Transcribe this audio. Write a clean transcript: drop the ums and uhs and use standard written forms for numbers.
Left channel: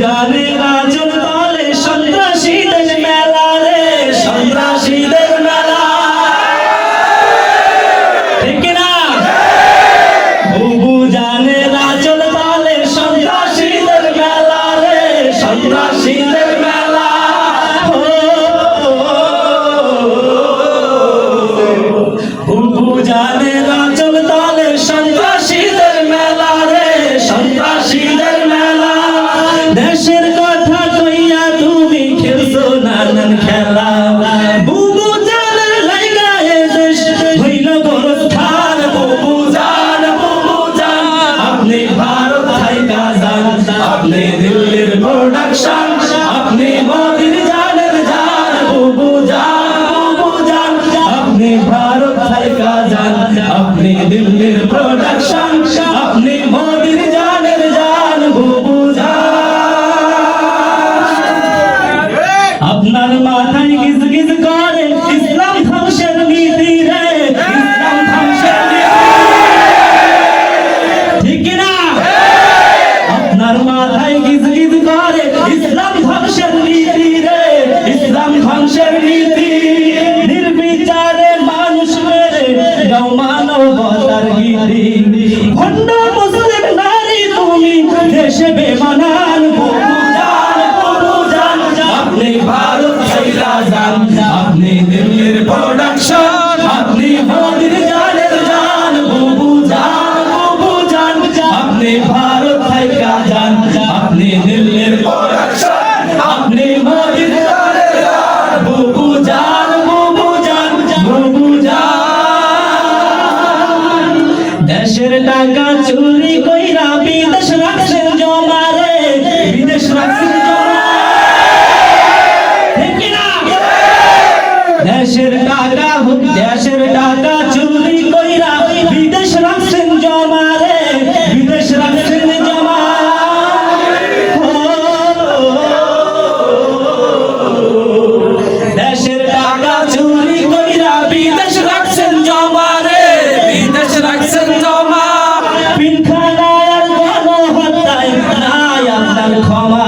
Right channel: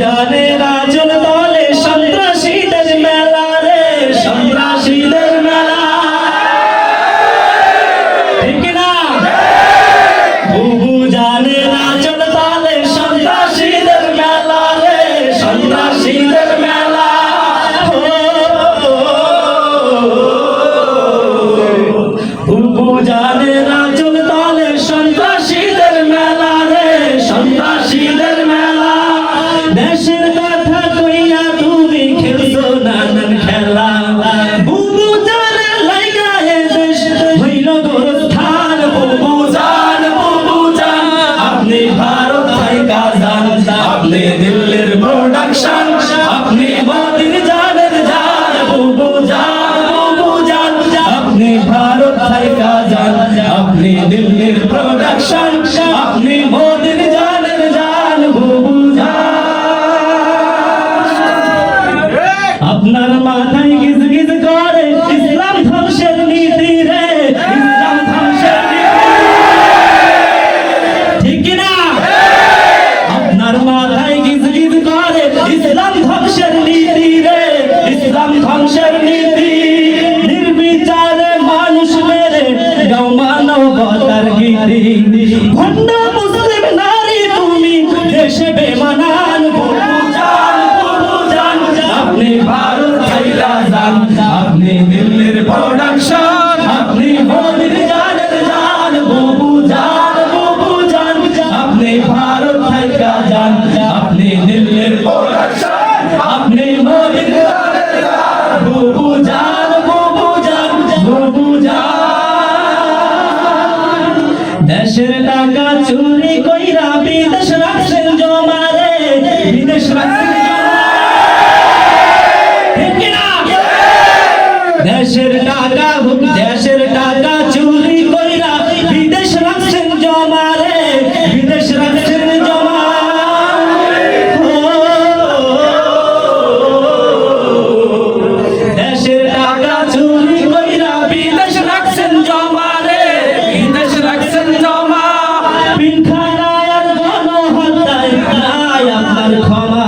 জানের আঁচল তলে সন্ত্রাসীদের মেলা রে, সন্ত্রাসীদের মেলা, ঠিক না? বুবু জানের আঁচল তলে সন্ত্রাসীদের মেলা রে, সন্ত্রাসীদের মেলা। বুবু জানের আঁচল তলে সন্ত্রাসীদের মেলা রে, সন্ত্রাসীদের মেলা। দেশের কথা কইয়া তুমি খেলছো নানান খেলা, বুবু জানের লাইগা এ দেশ হইল গোরস্থান। বুবু জান আপনি ভারত থাইকা যান, আপনি দিল্লির প্রোডাকশন, আপনি মোদির জানের জান। বুবু জান আপনি ভারত থাইকা যান, আপনি দিল্লির প্রোডাকশন, আপনি মোদির জানের জান। বুবু আপনার মাথায় গিজ গিজ করে ইসলাম ধ্বংসের নীতি রে, ইসলাম ধ্বংসের নীতি, ঠিক না? আপনার মাথায় গিজ গিজ করে ইসলাম ধ্বংসের নীতি রে, ইসলাম ধ্বংসের নীতি। নির্বিচারে মানুষ মেরে গাও মানবতার গীতি, ভণ্ড মুসলিম নারী তুমি দেশে বেমানান। বুবু জান আপনি ভারত ছাইরা যান, আপনি দিল্লির প্রোডাকশন, আপনি মোদির জানের জান। বুবু জান আপনি ভারত ছাইরা যান, আপনি দিল্লির প্রোডাকশন, আপনি মোদির জানের জান। বুবু জান দেশের টাকা চুরি কইরা বিদেশ রাখছেন জমা রে, বিদেশ রাখছেন জমা, ঠিক না? দেশের টাকা চুরি কইরা বিদেশ রাখছেন জমা রে, বিদেশ রাখছেন জমা। দেশের টাকা চুরি কইরা বিদেশ রাখছেন জমা রে, বিদেশ রাখছেন জমা। পিলখানার গণহত্যায় নাই আপনার ক্ষমা।